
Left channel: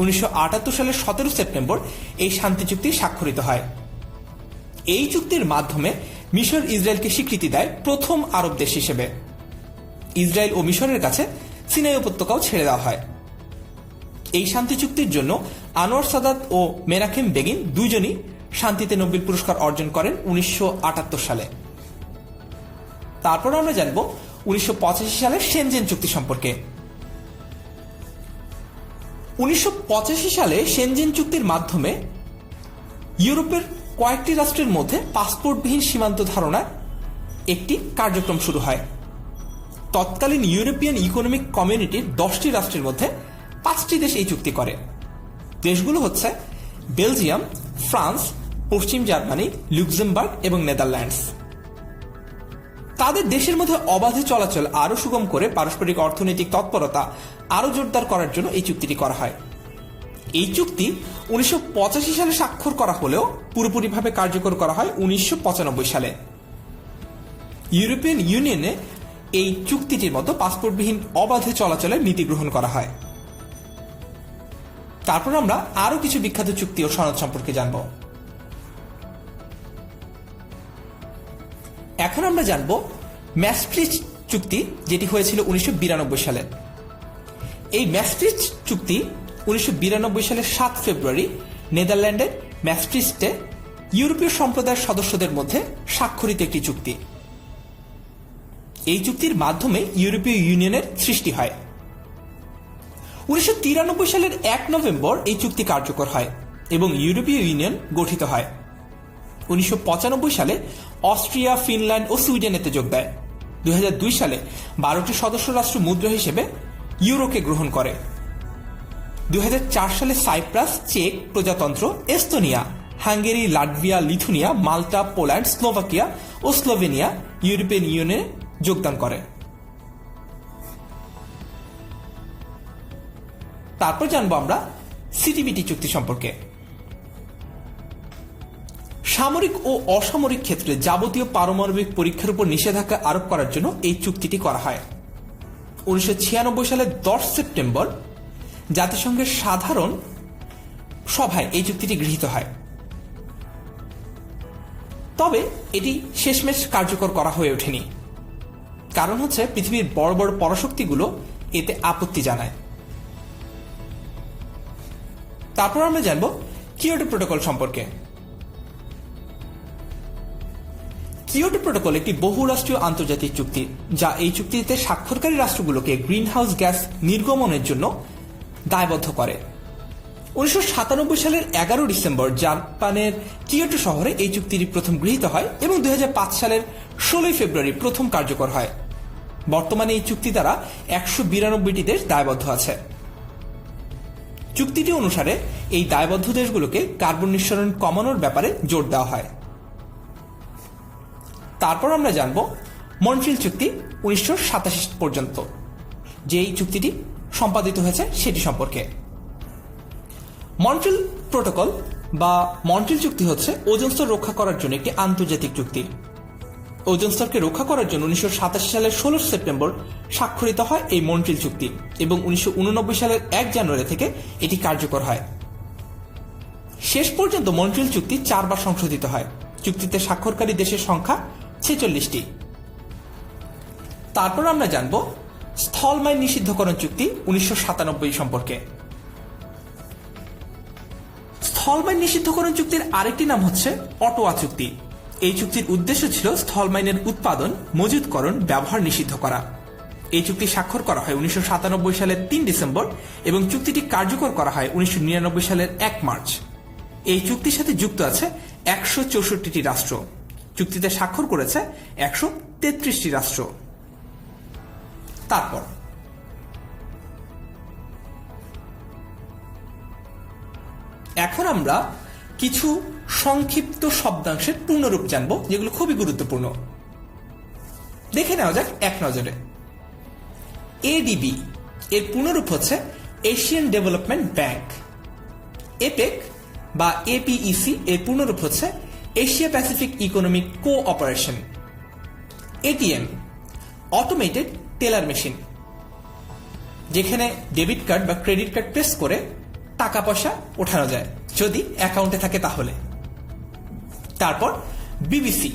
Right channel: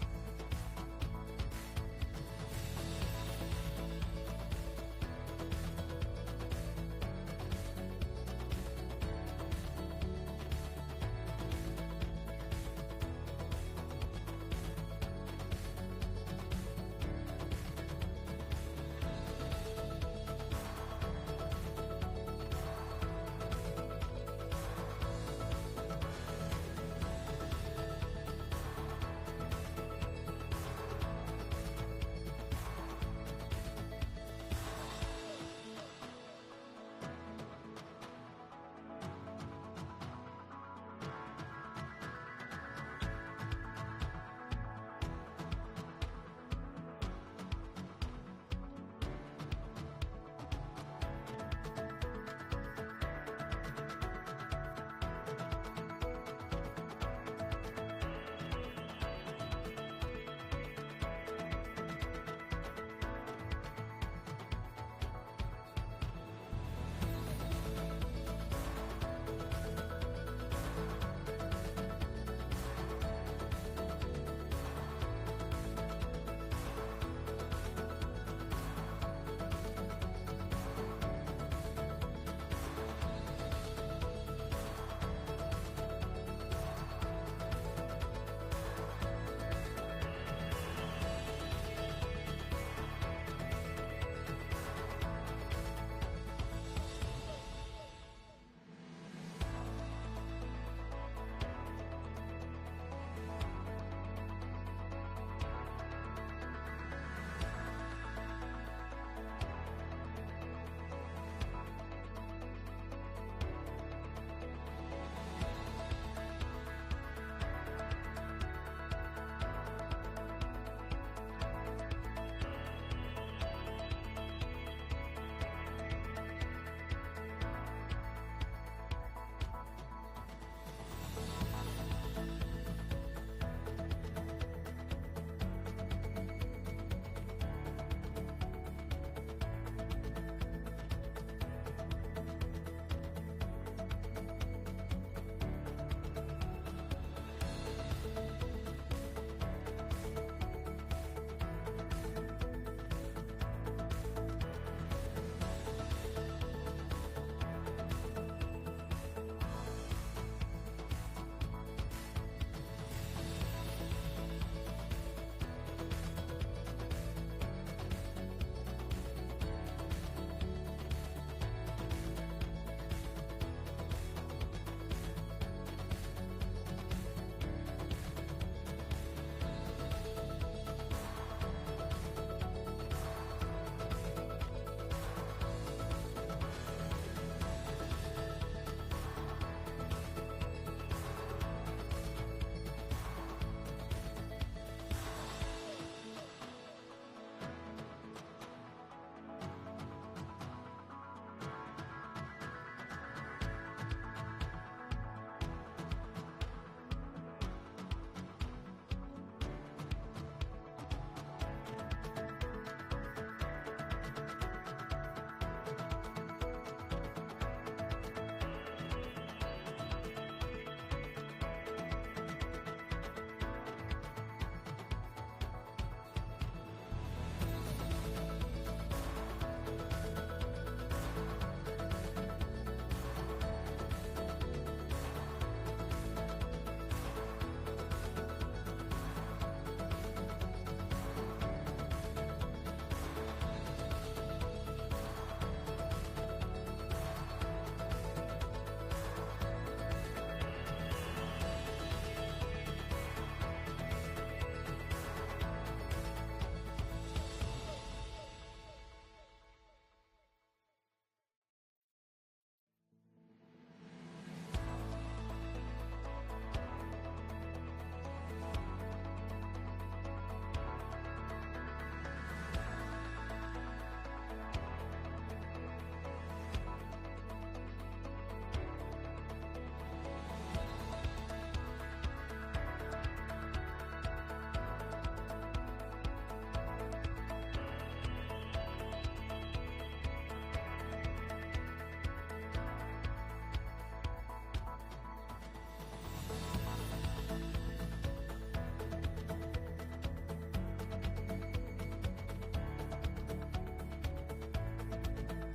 1978 সালের 17 সেপ্টেম্বর এই শান্তি চুক্তি স্বাক্ষরিত হয়। এই চুক্তির মাধ্যমে মিশর ইসরায়েলকে স্বীকৃতি দেয় প্রথম আরব দেশ হিসেবে। ইসরায়েল ও মিশরের কাছে সিনাই উপত্যকাও ছেড়ে দেওয়া হয়। এই শান্তি চুক্তির জন্য আনোয়ার সাদাত ও মেনাহেম বেগিন দুইজনই শান্তিতে নোবেল পুরস্কার অর্জন করেন 1978 সালে। তারপর আমরা জানব 1985 সালের শেনজেন চুক্তি সম্পর্কে। 1985 সালে শেনজেন চুক্তির মাধ্যমে ইউরোপের কয়েকটি রাষ্ট্রের মধ্যে পাসপোর্টবিহীন সীমান্ত ধারণার একটি কার্যক্রম শুরু হয়। তৎকালীন ইউরোপিয়ান ইকোনমিক কমিউনিটির 10টি রাষ্ট্রের মধ্যে 5টি দেশ এই চুক্তি করে। দেশগুলো হচ্ছে বেলজিয়াম, ফ্রান্স, পশ্চিম জার্মানি, লুক্সেমবার্গ এবং নেদারল্যান্ডস। তাদের দেশের মধ্যে অবাধে চলাচল আরও সুগম করে পারস্পরিক অর্থনৈতিক তৎপরতা আরও জোরদার করার জন্য এই চুক্তিটি করা হয়। এই চুক্তি 1985 সালে স্বাক্ষর করা হলেও পুরোপুরিভাবে কার্যকর করা হয় 1995 সালে। ইউরোপিয়ান ইউনিয়নে এই চুক্তিটির মতো পাসপোর্টবিহীন অবাধে চলাচলের নীতি গ্রহণ করা হয়। তারপর আমরা আরও কিছু বিখ্যাত চুক্তি ও সনদ সম্পর্কে জানব। এখন আমরা জানব ম্যাস্ট্রিক্ট চুক্তি, যেটি হয়েছিল 1992 সালে। এই ম্যাস্ট্রিক্ট চুক্তি 1992 সালের 7 ফেব্রুয়ারি নেদারল্যান্ডের ম্যাস্ট্রিক্টে ইউরোপীয় সম্প্রদায়ের সদস্যদের মধ্যে স্বাক্ষরিত একটি চুক্তি। এই চুক্তির মাধ্যমে ইউরোপীয় ইউনিয়নের সৃষ্টি হয়। 1993 সালের 1 নভেম্বর এই চুক্তি কার্যকর হয় এবং ইউরোপীয় ইউনিয়ন গঠিত হয়। 1995 সালে অস্ট্রিয়া, ফিনল্যান্ড ও সুইডেন এতে যোগ দেয়। 2002 সালে 12টি সদস্য রাষ্ট্র মুদ্রা হিসেবে ইউরোকে গ্রহণ করে। 2004 সালে সাইপ্রাস, চেক প্রজাতন্ত্র, এস্তোনিয়া, হাঙ্গেরি, লাটভিয়া, লিথুনিয়া, মাল্টা, পোল্যান্ড, স্লোভাকিয়া ও স্লোভেনিয়া ইউরোপিয়ান ইউনিয়নে যোগদান করে। তারপর জানবো আমরা সিটিবিটি চুক্তি সম্পর্কে। সামরিক ও অসামরিক ক্ষেত্রে যাবতীয় পারমাণবিক পরীক্ষার উপর নিষেধাজ্ঞা আরোপ করার জন্য এই চুক্তিটি করা হয়। 1996 সালের 10 সেপ্টেম্বর জাতিসংঘের সাধারণ সভায় এই চুক্তিটি গৃহীত হয়। তবে এটি শেষমেশ কার্যকর করা হয়ে ওঠেনি। কারণ হচ্ছে পৃথিবীর বড় বড় পরাশক্তিগুলো এতে আপত্তি জানায়। তারপর আমরা জানব কিয়োটো প্রোটোকল সম্পর্কে। কিয়োটো প্রোটোকল একটি বহুরাষ্ট্রীয় আন্তর্জাতিক চুক্তি, যা এই চুক্তিতে স্বাক্ষরকারী রাষ্ট্রগুলোকে গ্রিনহাউস গ্যাস নির্গমনের জন্য দায়বদ্ধ করে। 1997 সালের 11 ডিসেম্বর জাপানের কিয়োটো শহরে এই চুক্তিটি প্রথম গৃহীত হয় এবং 2005 সালের 16 ফেব্রুয়ারি প্রথম কার্যকর হয়। বর্তমানে এই চুক্তি দ্বারা 192টি দেশ দায়বদ্ধ আছে। চুক্তিটি অনুসারে এই দায়বদ্ধ দেশগুলোকে কার্বন নিঃসরণ কমানোর ব্যাপারে জোর দেওয়া হয়। তারপর আমরা জানব মন্ট্রিল চুক্তি 1987 পর্যন্ত, যে এই চুক্তিটি সম্পাদিত হয়েছে সেটি সম্পর্কে। মন্ট্রিল প্রোটোকল বা মন্ট্রিল চুক্তি হচ্ছে ওজোন স্তর রক্ষা করার জন্য একটি আন্তর্জাতিক চুক্তি। ওজোন স্তরকে রক্ষা করার জন্য 1987 সালের 16 সেপ্টেম্বর স্বাক্ষরিত হয় এই মন্ট্রিল চুক্তি এবং 1989 সালের 1 জানুয়ারি থেকে এটি কার্যকর হয়। শেষ পর্যন্ত মন্ট্রিল চুক্তি 4 বার সংশোধিত হয়। চুক্তিতে স্বাক্ষরকারী দেশের সংখ্যা 46টি। তারপর আমরা জানব স্থলমাইন নিষিদ্ধকরণ চুক্তি 1997 সম্পর্কে। স্থলমাইন নিষিদ্ধকরণ চুক্তির আরেকটি নাম হচ্ছে অটোয়া চুক্তি। এই চুক্তির উদ্দেশ্য ছিল স্থলমাইনের উৎপাদন, মজুতকরণ, ব্যবহার নিষিদ্ধ করা। এই চুক্তি স্বাক্ষর করা হয় 1997 সালের 3 ডিসেম্বর এবং চুক্তিটি কার্যকর করা হয় 1999 সালের 1 মার্চ। এই চুক্তির সাথে যুক্ত আছে 164টি রাষ্ট্র। চুক্তিতে স্বাক্ষর করেছে 133টি রাষ্ট্র। তারপর এখন আমরা কিছু সংক্ষিপ্ত শব্দাংশের পূর্ণরূপ জানব, যেগুলো খুবই গুরুত্বপূর্ণ। দেখে নেওয়া যাক এক নজরে। এডিবি এর পূর্ণরূপ হচ্ছে এশিয়ান ডেভেলপমেন্ট ব্যাংক। এপেক বা এপিইসি এর পূর্ণরূপ হচ্ছে Asia Pacific Economic Cooperation. ATM automated teller machine, যেখানে ডেবিট কার্ড বা ক্রেডিট কার্ড প্রেস করে টাকা পয়সা ওঠানো যায়, যদি অ্যাকাউন্টে থাকে তাহলে। তারপর বিবিসি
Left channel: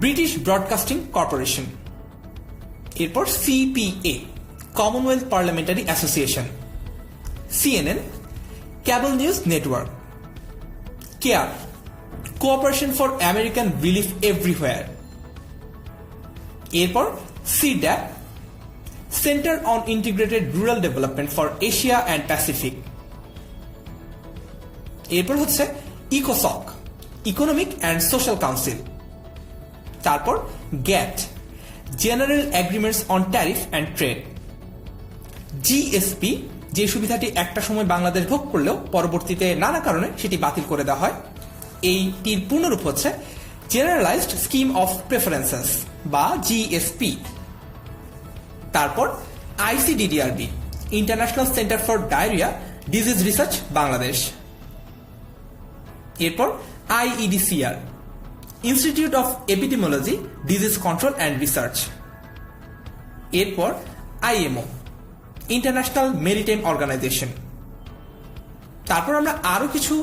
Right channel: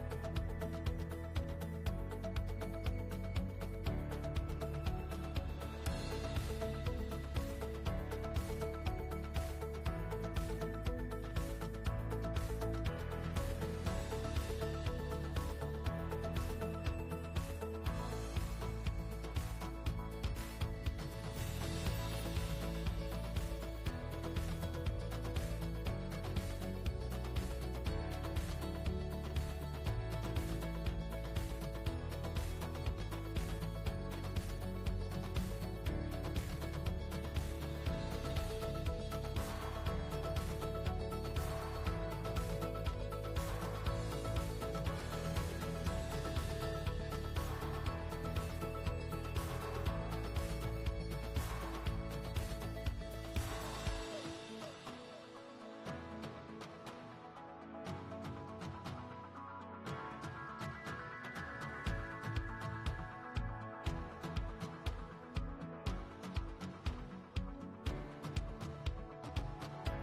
ব্রিটিশ ব্রডকাস্টিং কর্পোরেশন। এরপর CPA Commonwealth Parliamentary Association. CNN Cable News Network. CARE Cooperation for American Relief Everywhere. এরপর CIRDAP Centre on Integrated Rural Development for Asia and Pacific. এরপর হচ্ছে ইকোসক ইকোনমিক অ্যান্ড সোশ্যাল কাউন্সিল। তারপর GATT General Agreements on Tariff and Trade. GSP, যে সুবিধাটি একটা সময় বাংলাদেশ ভোগ করলেও পরবর্তীতে নানা কারণে সেটি বাতিল করে দেওয়া হয়। এইটির পূর্ণরূপ হচ্ছে জেনারেলাইজড স্কিম অফ প্রেফারেন্সেস বা জিএসপি। তারপর ICDDRB International Centre for Diarrhoea Disease Research Bangladesh. এরপর IEDCR Institute of Epidemiology Disease Control and Research. এরপর আইএমও ইন্টারন্যাশনাল মেরিটাইম অর্গানাইজেশন। তারপর আমরা আরো কিছু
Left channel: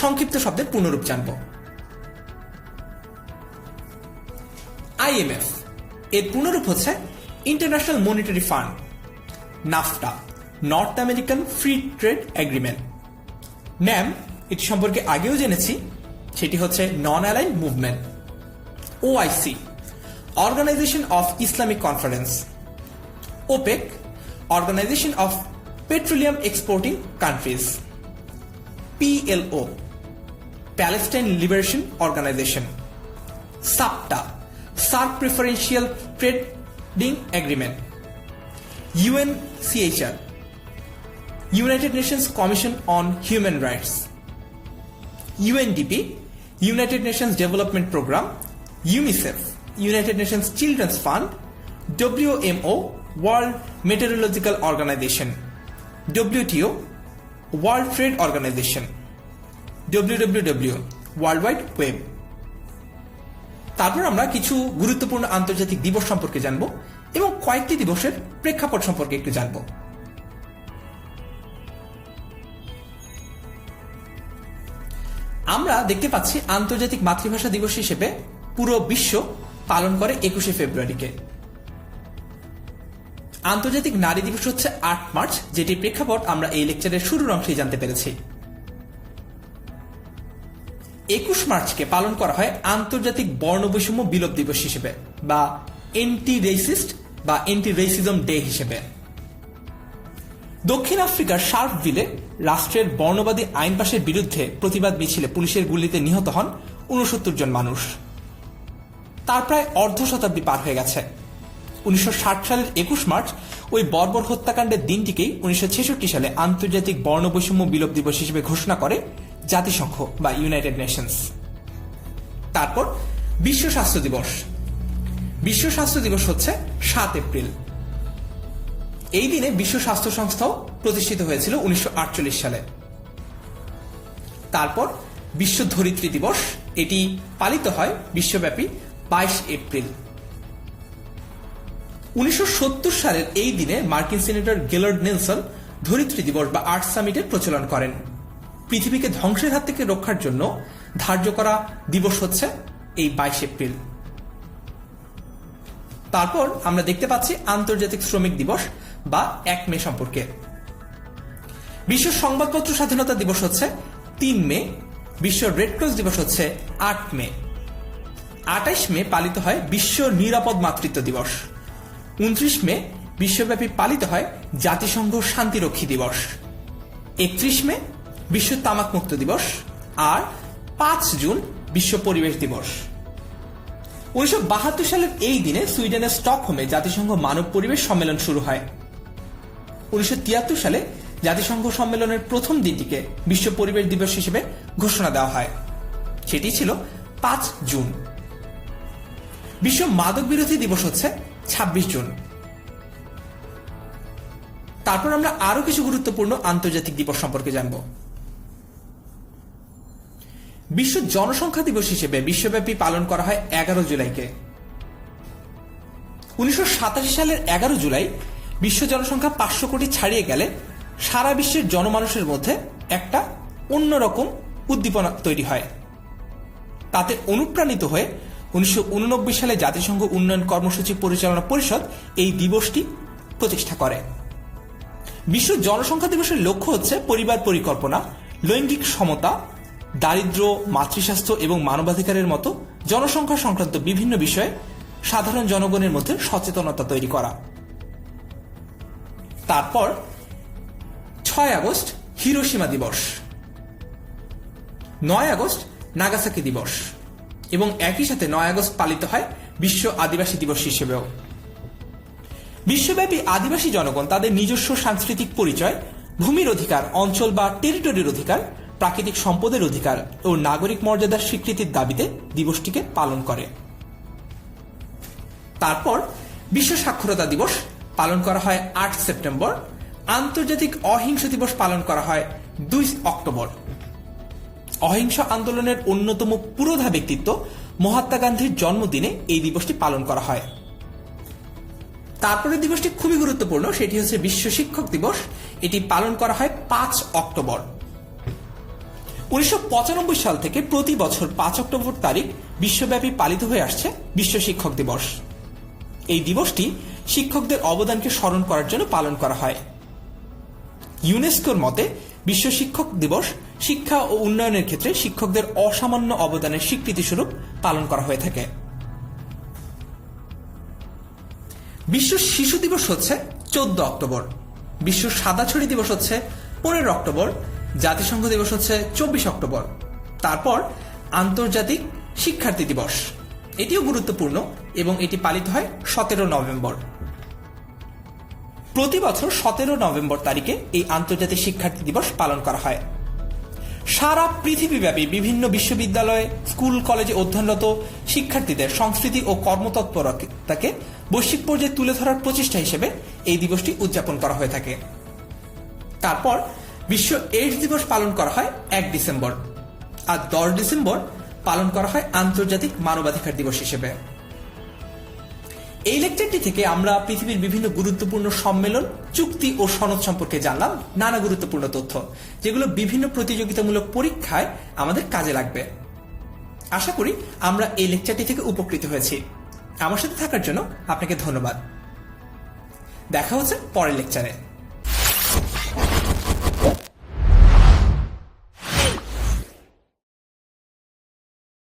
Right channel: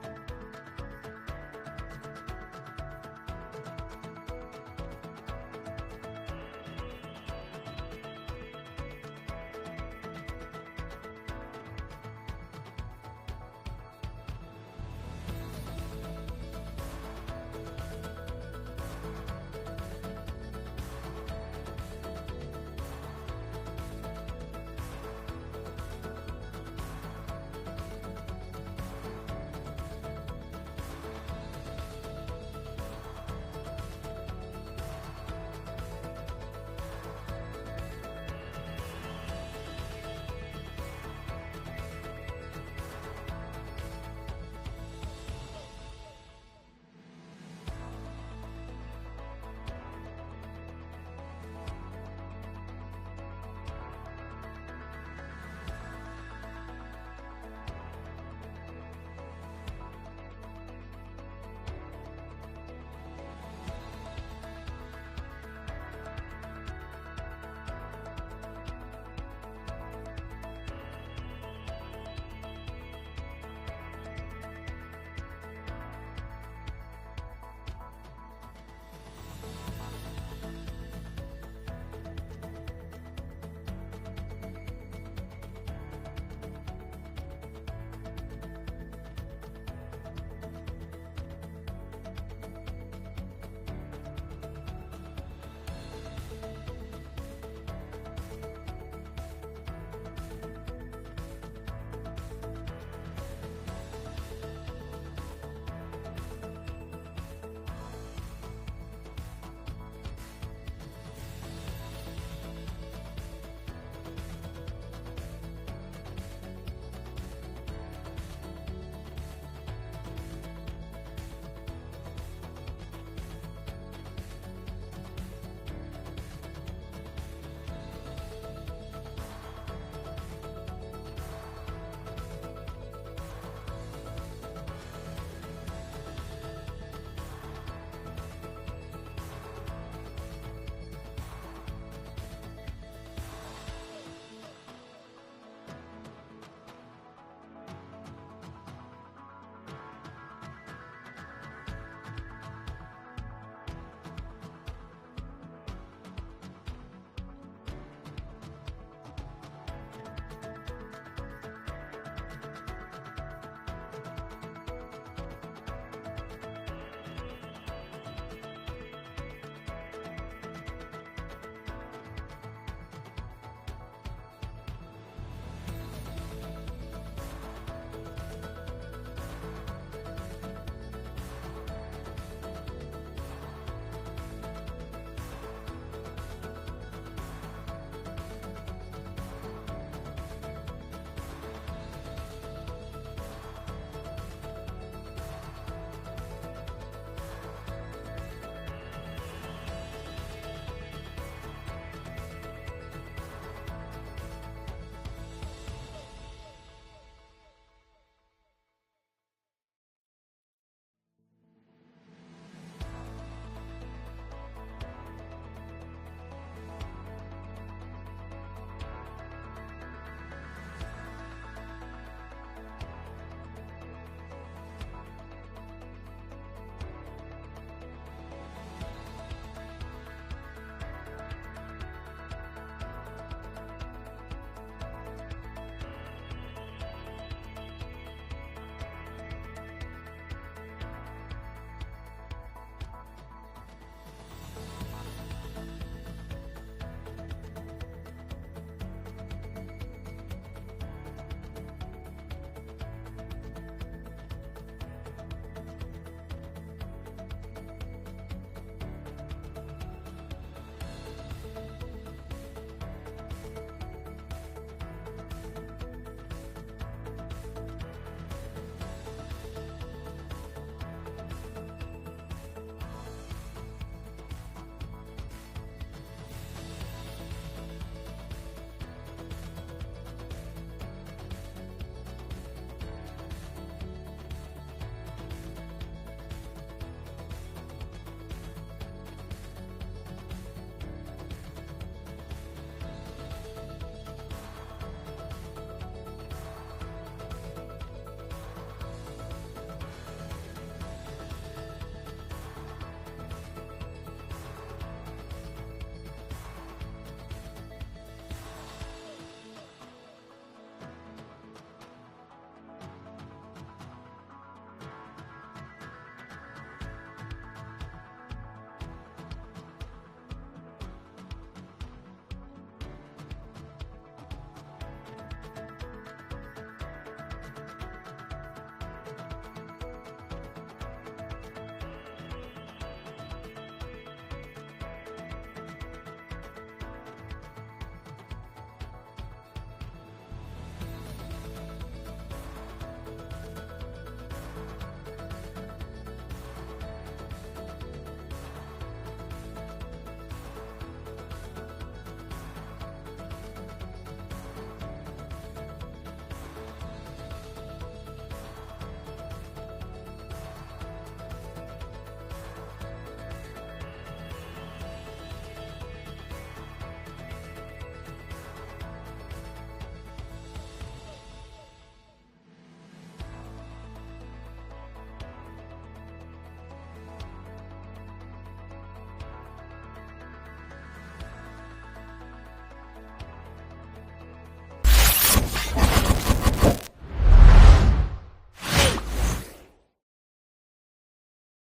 সংক্ষিপ্ত শব্দের পূর্ণরূপ জানব। আইএমএফ এর পূর্ণরূপ হচ্ছে International Monetary Fund. NAFTA North American Free Trade Agreement. NAM, এটি সম্পর্কে আগেও জেনেছি, সেটি হচ্ছে Non Aligned Movement. OIC Organization of Islamic Conference. OPEC Organization of Petroleum Exporting Countries. PLO Palestine Liberation Organization. SAPTA SAARC Preferential Trading Agreement. UNCHR United Nations Commission on Human Rights. UNDP United Nations Development Programme. UNICEF United Nations Children's Fund. WMO World Meteorological Organization. WTO World Trade Organization. WWW world wide web. তারপর আমরা কিছু গুরুত্বপূর্ণ আন্তর্জাতিক দিবস সম্পর্কে জানব এবং কয়েকটি দিবসের প্রেক্ষাপট সম্পর্কে একটু জানব। আমরা দেখতে পাচ্ছি আন্তর্জাতিক মাতৃভাষা দিবস হিসেবে পুরো বিশ্ব পালন করে 21শে ফেব্রুয়ারিকে। আন্তর্জাতিক নারী দিবস হচ্ছে 8 মার্চ, যেটির প্রেক্ষাপট আমরা এই লেকচারের শুরুর অংশেই জানতে পেরেছি। 21 মার্চকে পালন করা হয় আন্তর্জাতিক বর্ণবৈষম্য বিলোপ দিবস হিসেবে বা এন্টি রেসিস্ট বা এন্টি রেসিজম ডে হিসেবে। দক্ষিণ আফ্রিকার শার্পভিলে রাষ্ট্রের বর্ণবাদী আইন পাশের বিরুদ্ধে প্রতিবাদ মিছিলে পুলিশের গুলিতে নিহত হন 69 জন মানুষ। তার প্রায় অর্ধ শতাব্দী পার হয়ে গেছে। 1960 সালের 21 মার্চ ওই বর্বর হত্যাকাণ্ডের দিনটিকেই 1966 সালে আন্তর্জাতিক বর্ণবৈষম্য বিলোপ দিবস হিসেবে ঘোষণা করে জাতিসংঘ বা ইউনাইটেড নেশনস। তারপর বিশ্ব স্বাস্থ্য দিবস। বিশ্ব স্বাস্থ্য দিবস হচ্ছে 7 এপ্রিল। এই দিনে বিশ্ব স্বাস্থ্য সংস্থাও প্রতিষ্ঠিত হয়েছিল 1948 সালে। তারপর বিশ্ব ধরিত্রী দিবস, এটি পালিত হয় বিশ্বব্যাপী 22 এপ্রিল। 1970 সালের এই দিনে মার্কিন সিনেটর গেলার্ড নেলসন ধরিত্রী দিবস বা আর্থ সামিটের প্রচলন করেন। পৃথিবীকে ধ্বংসের হাত থেকে রক্ষার জন্য ধার্য করা দিবস হচ্ছে এই 22 এপ্রিল। তারপর আমরা দেখতে পাচ্ছি আন্তর্জাতিক শ্রমিক দিবস বা 1 মে সম্পর্কে। বিশ্ব সংবাদপত্র স্বাধীনতা দিবস হচ্ছে 3 মে। বিশ্ব রেড ক্রস দিবস হচ্ছে 8 মে। 28 মে পালিত হয় বিশ্ব নিরাপদ মাতৃত্ব দিবস। 29 মে বিশ্বব্যাপী পালিত হয় জাতিসংঘ শান্তিরক্ষী দিবস। 31 মে বিশ্ব তামাক মুক্ত দিবস। আর 5 জুন বিশ্ব পরিবেশ দিবস। 1972 সালের এই দিনে সুইডেনের স্টকহোমে জাতিসংঘ মানব পরিবেশ সম্মেলন শুরু হয়। 1973 সালে জাতিসংঘ সম্মেলনের প্রথম দিনটিকে বিশ্ব পরিবেশ দিবস হিসেবে ঘোষণা দেওয়া হয়, সেটি ছিল 5 জুন। বিশ্ব মাদক বিরোধী দিবস হচ্ছে 26 জুন। তারপর আমরা আরো কিছু গুরুত্বপূর্ণ আন্তর্জাতিক দিবস সম্পর্কে জানব। বিশ্ব জনসংখ্যা দিবস হিসেবে বিশ্বব্যাপী পালন করা হয় 11 জুলাইকে। 1987 সালের 11 জুলাই বিশ্ব জনসংখ্যা 500 কোটি ছাড়িয়ে গেলে সারা বিশ্বের জনমানুষের মধ্যে একটা অন্যরকম উদ্দীপনা তৈরি হয়। তাতে অনুপ্রাণিত হয়ে 1989 সালে জাতিসংঘ উন্নয়ন কর্মসূচি পরিচালনা পরিষদ এই দিবসটি প্রতিষ্ঠা করে। বিশ্ব জনসংখ্যা দিবসের লক্ষ্য হচ্ছে পরিবার পরিকল্পনা, লৈঙ্গিক সমতা, দারিদ্র্য, মাতৃস্বাস্থ্য এবং মানবাধিকারের মতো জনসংখ্যা সংক্রান্ত বিভিন্ন বিষয়ে সাধারণ জনগণের মধ্যে সচেতনতা তৈরি করা। তারপর 6 আগস্ট হিরোশিমা দিবস, 9 আগস্ট নাগাসাকি দিবস এবং একই সাথে 9 আগস্ট পালিত হয় বিশ্ব আদিবাসী দিবস হিসেবেও। বিশ্বব্যাপী আদিবাসী জনগণ তাদের নিজস্ব সাংস্কৃতিক পরিচয়, ভূমির অধিকার, অঞ্চল বা টেরিটরির অধিকার, প্রাকৃতিক সম্পদের অধিকার ও নাগরিক মর্যাদার স্বীকৃতির দাবিতে দিবসটিকে পালন করে। তারপর বিশ্ব সাক্ষরতা দিবস পালন করা হয় 8 সেপ্টেম্বর। আন্তর্জাতিক অহিংস দিবস পালন করা হয় 2 অক্টোবর। অহিংস আন্দোলনের অন্যতম পুরোধা ব্যক্তিত্ব মহাত্মা গান্ধীর জন্মদিনে এই দিবসটি পালন করা হয়। তারপরে দিবসটি খুবই গুরুত্বপূর্ণ, সেটি হচ্ছে বিশ্ব শিক্ষক দিবস। এটি পালন করা হয় 5 অক্টোবর। 1995 সাল থেকে প্রতি বছর 5 অক্টোবর তারিখ বিশ্বব্যাপী পালিত হয়ে আসছে বিশ্ব শিক্ষক দিবস। এই দিবসটি শিক্ষকদের অবদানকে স্মরণ করার জন্য পালন করা হয়। ইউনেস্কোর মতে বিশ্ব শিক্ষক দিবস শিক্ষা ও উন্নয়নের ক্ষেত্রে শিক্ষকদের অসামান্য অবদানের স্বীকৃতি স্বরূপ পালন করা হয়ে থাকে। বিশ্ব শিশু দিবস হচ্ছে 14 অক্টোবর। বিশ্ব সাদাছড়ি দিবস হচ্ছে 15 অক্টোবর। জাতিসংঘ দিবস হচ্ছে 24 অক্টোবর। তারপর আন্তর্জাতিক শিক্ষার্থী দিবস, এটিও গুরুত্বপূর্ণ এবং এটি পালিত হয় 17 নভেম্বর। প্রতি বছর 17 নভেম্বর তারিখে এই আন্তর্জাতিক শিক্ষার্থী দিবস পালন করা হয়। সারা পৃথিবীব্যাপী বিভিন্ন বিশ্ববিদ্যালয়ে, স্কুল, কলেজে অধ্যয়নরত শিক্ষার্থীদের সংস্কৃতি ও কর্মতৎপরতাকে বৈশ্বিক পর্যায়ে তুলে ধরার প্রচেষ্টা হিসেবে এই দিবসটি উদযাপন করা হয়ে থাকে। তারপর বিশ্ব এইডস দিবস পালন করা হয় 1 ডিসেম্বর। আর 10 ডিসেম্বর পালন করা হয় আন্তর্জাতিক মানবাধিকার দিবস হিসেবে। এই লেকচারটি থেকে আমরা পৃথিবীর বিভিন্ন গুরুত্বপূর্ণ সম্মেলন, চুক্তি ও সনদ সম্পর্কে জানলাম নানা গুরুত্বপূর্ণ তথ্য, যেগুলো বিভিন্ন প্রতিযোগিতামূলক পরীক্ষায় আমাদের কাজে লাগবে। আশা করি আমরা এই লেকচারটি থেকে উপকৃত হয়েছি। আমার সাথে থাকার জন্য আপনাকে ধন্যবাদ। দেখা হচ্ছে পরের লেকচারে।